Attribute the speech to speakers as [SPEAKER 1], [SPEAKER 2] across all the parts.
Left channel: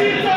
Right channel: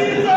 [SPEAKER 1] Sita!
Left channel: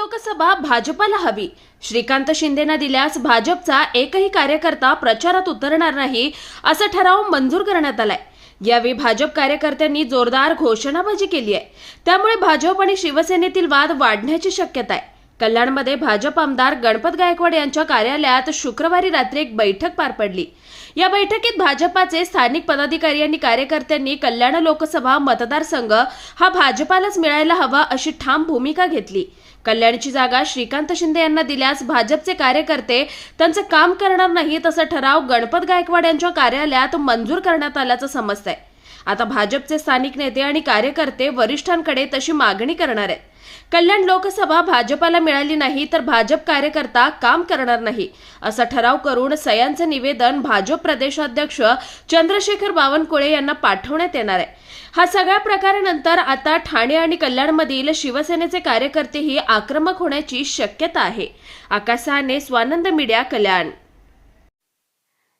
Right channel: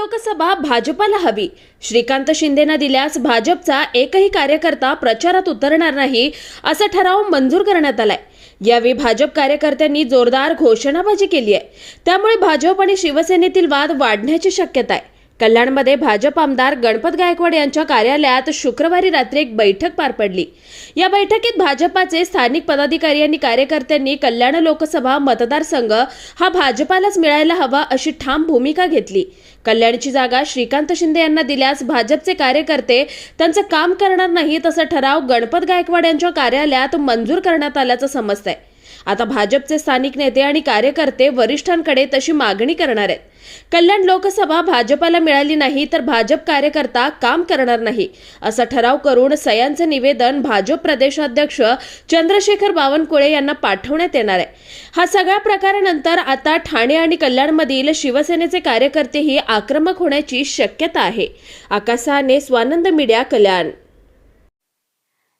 [SPEAKER 1] Lok Sabha
[SPEAKER 2] भाजपाला हवी. श्रीकांत शिंदेना दिल्यास भाजपचा एकही कार्यकर्ता प्रचारात उतरणार नाही असा ठराव मंजूर करण्यात आलाय. यावेळी भाजप कार्यकर्त्यांनी जोरदार घोषणाबाजी केली आहे. त्यामुळे भाजप आणि शिवसेनेतील वाद वाढण्याची शक्यता आहे. कल्याणमध्ये भाजप आमदार गणपत गायकवाड यांच्या कार्यालयात शुक्रवारी रात्री एक बैठक पार पडली. या बैठकीत भाजपाचे स्थानिक पदाधिकारी आणि कार्यकर्त्यांनी कल्याण लोकसभा मतदारसंघ हा भाजपालाच मिळायला हवा अशी ठाम भूमिका घेतली. कल्याणची जागा श्रीकांत शिंदे यांना दिल्यास भाजपचे कार्यकर्ते त्यांचं काम करणार नाहीत असा ठराव गणपत गायकवाड यांच्या कार्यालयात मंजूर करण्यात आल्याचं समजतंय. आता भाजपचे स्थानिक नेते आणि कार्यकर्ते वरिष्ठांकडे तशी मागणी करणार आहेत. कल्याण लोकसभा भाजपाला मिळाली नाही तर भाजप कार्यकर्ता काम करणार नाही असा ठराव करून सयांचं निवेदन भाजप प्रदेशाध्यक्ष चंद्रशेखर बावनकुळे यांना पाठवण्यात येणार आहे. हा सगळ्या प्रकारानंतर आता ठाणे आणि कल्याणमधील शिवसेनेचे कार्यकर्तेही आक्रमक होण्याची शक्यता आहे. आकाशाने स्वानंद मीडिया कल्याण.